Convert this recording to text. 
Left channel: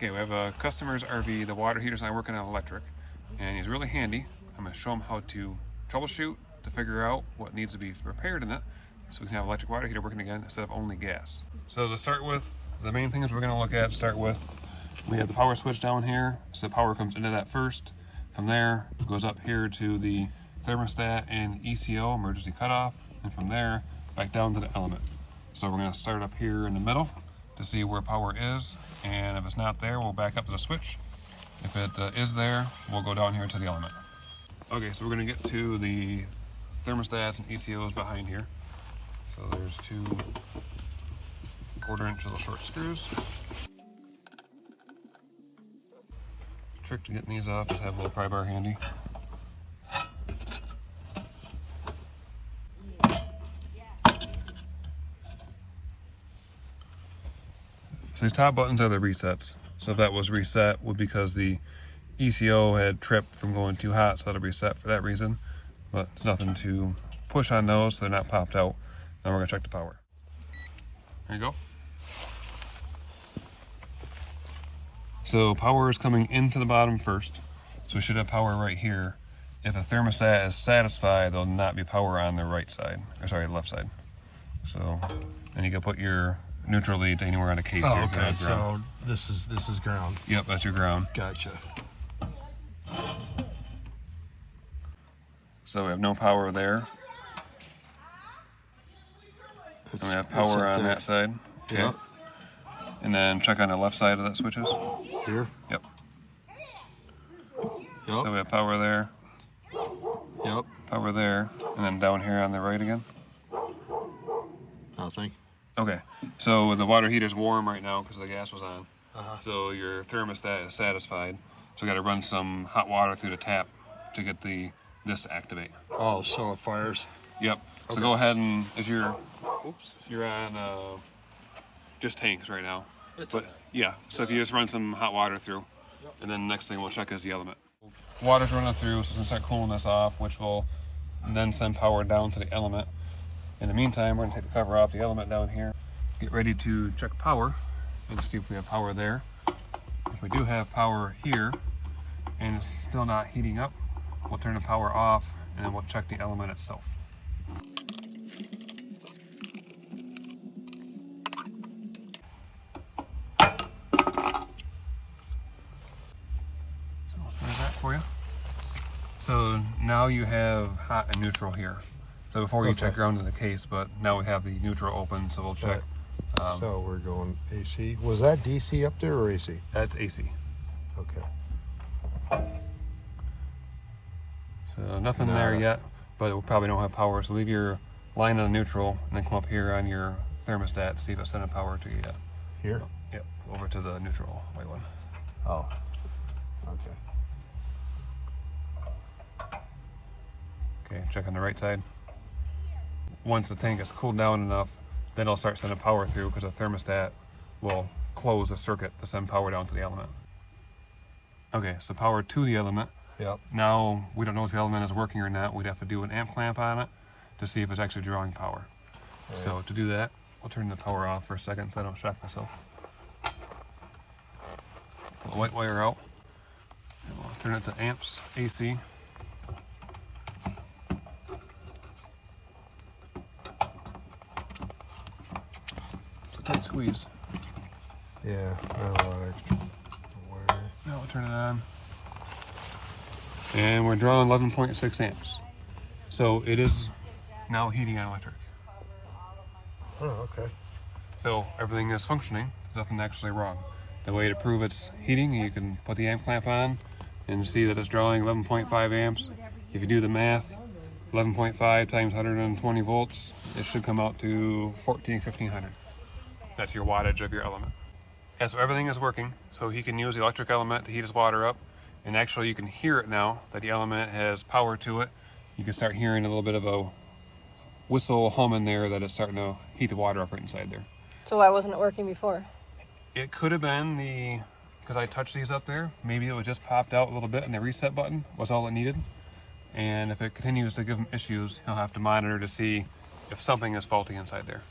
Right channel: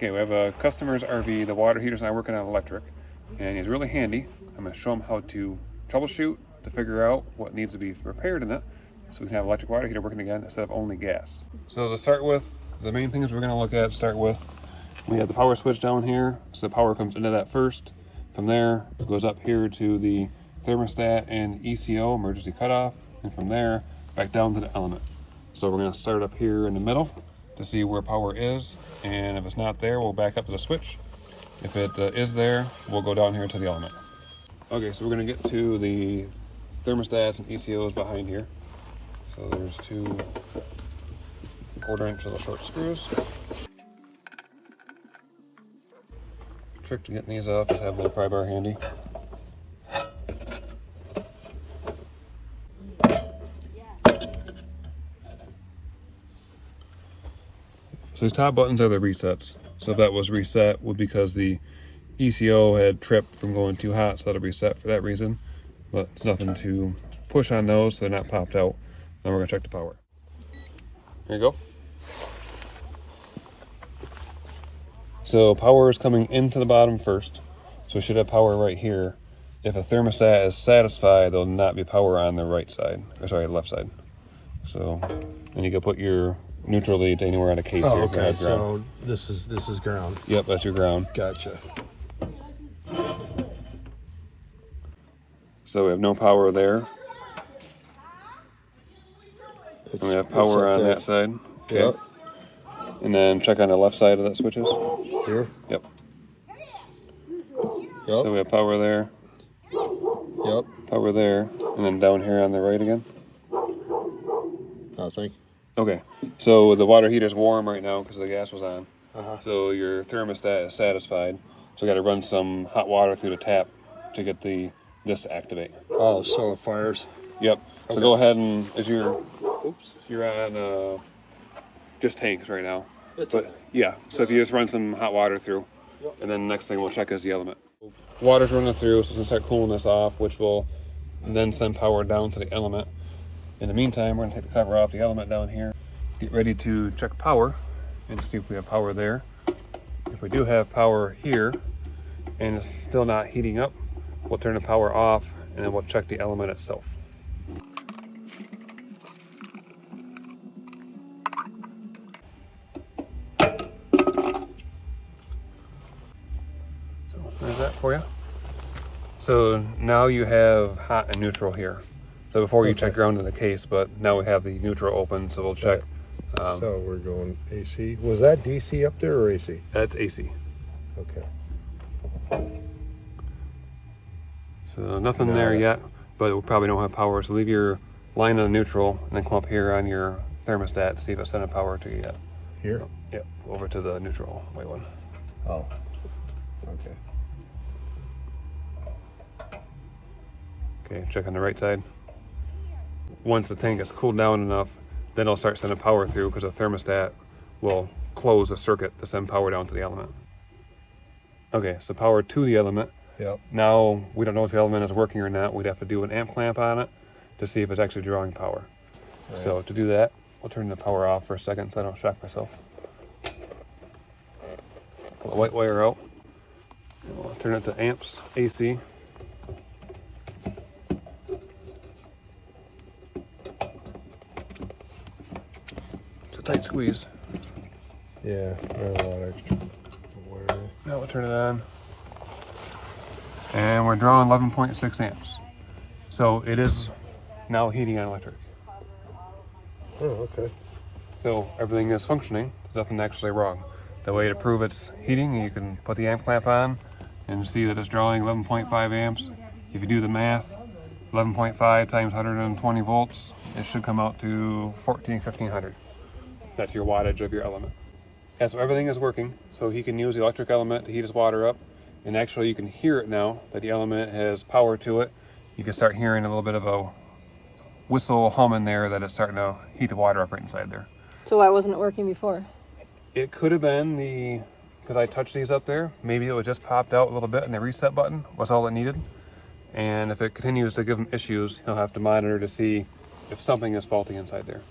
Okay, we have a customer's RV. The water heater's not working on electric, and he's really handy. I'm going to show him how to troubleshoot to figure out what needs to be repaired in it, so we can have electric water heater working again instead of only gas. So to start with, the main things we're going to look at, we have the power switch down here, so the power comes into that first. From there, it goes up here to the thermostat and ECO, emergency cutoff, and from there, back down to the element. So we're going to start up here in the middle to see where power is, and if it's not there, we'll back up to the switch. If it is there, we'll go down here to the element. Okay, so we're going to get to the thermostats and ECOs behind here. So there's two 1/4-inch little short screws. Trick to getting these off is have a little pry bar handy. So these top buttons are the resets. So if that was reset, would because the ECO had tripped from going too hot, so that'll reset for that reason. But there's nothing to push on those, so they're not popped out. Now we're gonna check the power. There you go. So power is coming into the bottom first. So we should have power right here. If a thermostat is satisfied, there'll not be power on the right side, or sorry, left side. So then you can put your neutral leads anywhere on a case here. Okay, so this is ground. Yep, that's your ground. Gotcha. So we have no power there. And we have power on that side. Okay. Yep. And then check on the left side of that switches. Here? Yep. Yep. So we have power there. Yep. Power there. And then down here on the right again. Nothing. Okay. So the water heater's warm right now because the gas was on. Uh-huh. So your thermostat is satisfied. So we got to run some hot water through the tap to get this to activate. Oh, so it fires. Yep. So Okay. go ahead and you're on just tanks right now. But yeah, so if you just run some hot water through, and then next thing we'll check is the element. Water's running through, so it's gonna start cooling this off, which will then send power down to the element. In the meantime, we're gonna take the cover off the element down here. Get ready to check power and see if we have power there. If we do have power here and it's still not heating up, we'll turn the power off and then we'll check the element itself. There's that for you. So now you have hot and neutral here. So before you check ground in the case, but now we have the neutral open, so we'll check. So we're going AC. Was that DC up there or AC? That's AC. Okay. So nothing there yet, but we probably don't have power. So leave your line on the neutral and then come up here on your thermostat to see if it's sending power to you yet. Here? Yep, over to the neutral white one. Oh, okay. Okay, check on the right side. Once the tank is cooled down enough, then it'll start sending power through because the thermostat will close the circuit to send power down to the element. Okay, so power to the element. Yep. Now, we don't know if the element is working or not. We'd have to do an amp clamp on it to see if it's actually drawing power. Right. So to do that, we'll turn the power off for a second so I don't shock myself. Pull the white wire out. And we'll turn it to amps, AC. Tight squeeze. Yeah, not a lot of wire. Now we'll turn it on. And we're drawing 11.6 amps. So it is now heating on electric. Oh, okay. So everything is functioning. There's nothing actually wrong. The way to prove it's heating, you can put the amp clamp on and see that it's drawing 11.5 amps. If you do the math, 11.5 times 120 volts, it should come out to 1500. That's your wattage of your element. Yeah, so everything is working. So he can use the electric element to heat his water up. And actually you can hear it now that the element has power to it. You can start hearing a little bit of a whistle hum in there that it's starting to heat the water up right inside there. So why wasn't it working before? It could have been because I touched these up there, maybe it was just popped out a little bit and the reset button was all it needed. And if it continues to give him issues, he'll have to monitor to see if something is faulty inside there.